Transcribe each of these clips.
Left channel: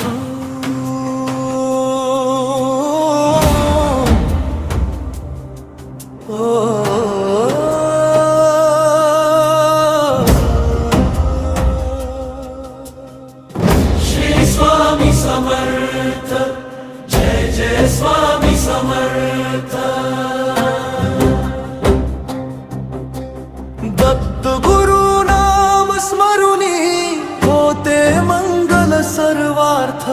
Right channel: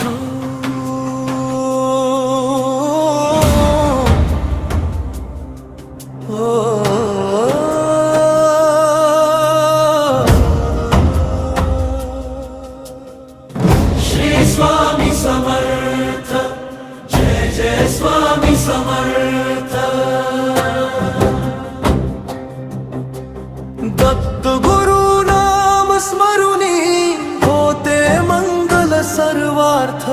श्री स्वामी समर्थ, जय जय स्वामी समर्थ। दत्त गुरु नाम स्मरुनी होते मंगल सर्वार्थ।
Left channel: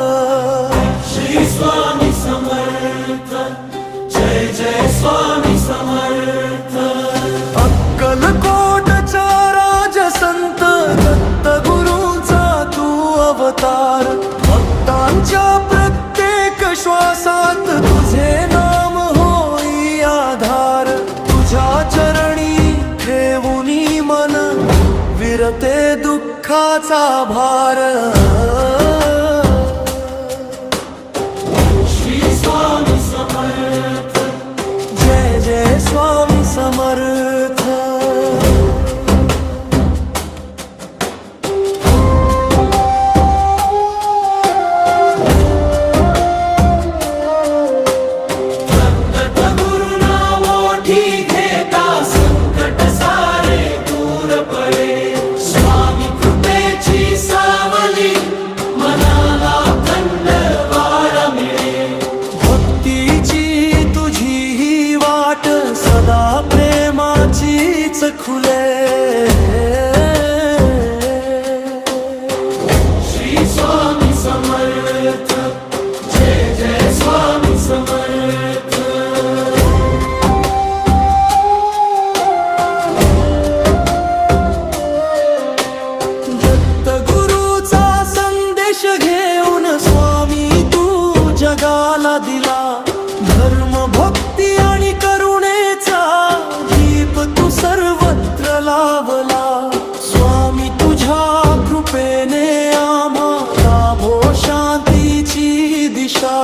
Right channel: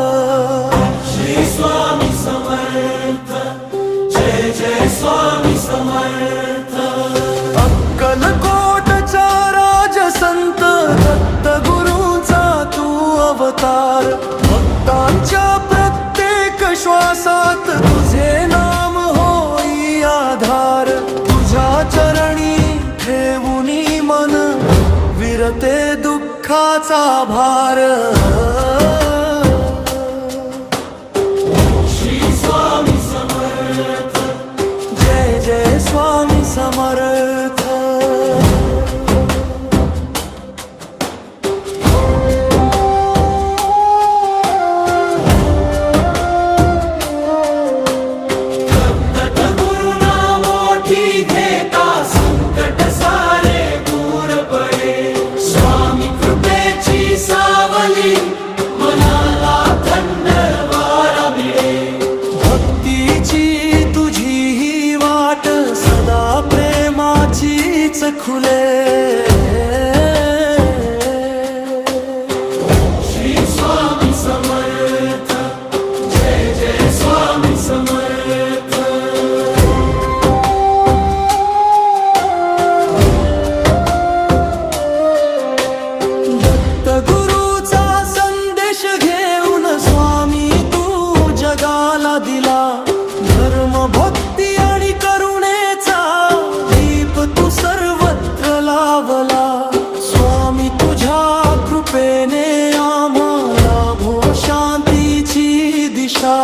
श्री स्वामी समर्थ, जय जय स्वामी समर्थ। अक्कलकोटचा राजसंत दत्त गुरूंचा तू अवतार। भक्तांच्या प्रत्येक श्वासात तुझे नाम होई आधार। तुझ्या चरणी ठेवूनी मन विरते दुःखाचा भार। श्री स्वामी समर्थ, जय जय स्वामी समर्थ। तुझी ही वाट सदा प्रेमाचीच खुले। श्री स्वामी समर्थ, जय जय स्वामी समर्थ। दत्त गुरूचा संदेश घेऊन स्वामी तू जगाला दिला। धर्म भक्ती आणि करुणेचा दीप तू सर्वत्र लावला। स्वामी तुझ्या कृपेने आम्हाला लाभो शांतीची दिशा।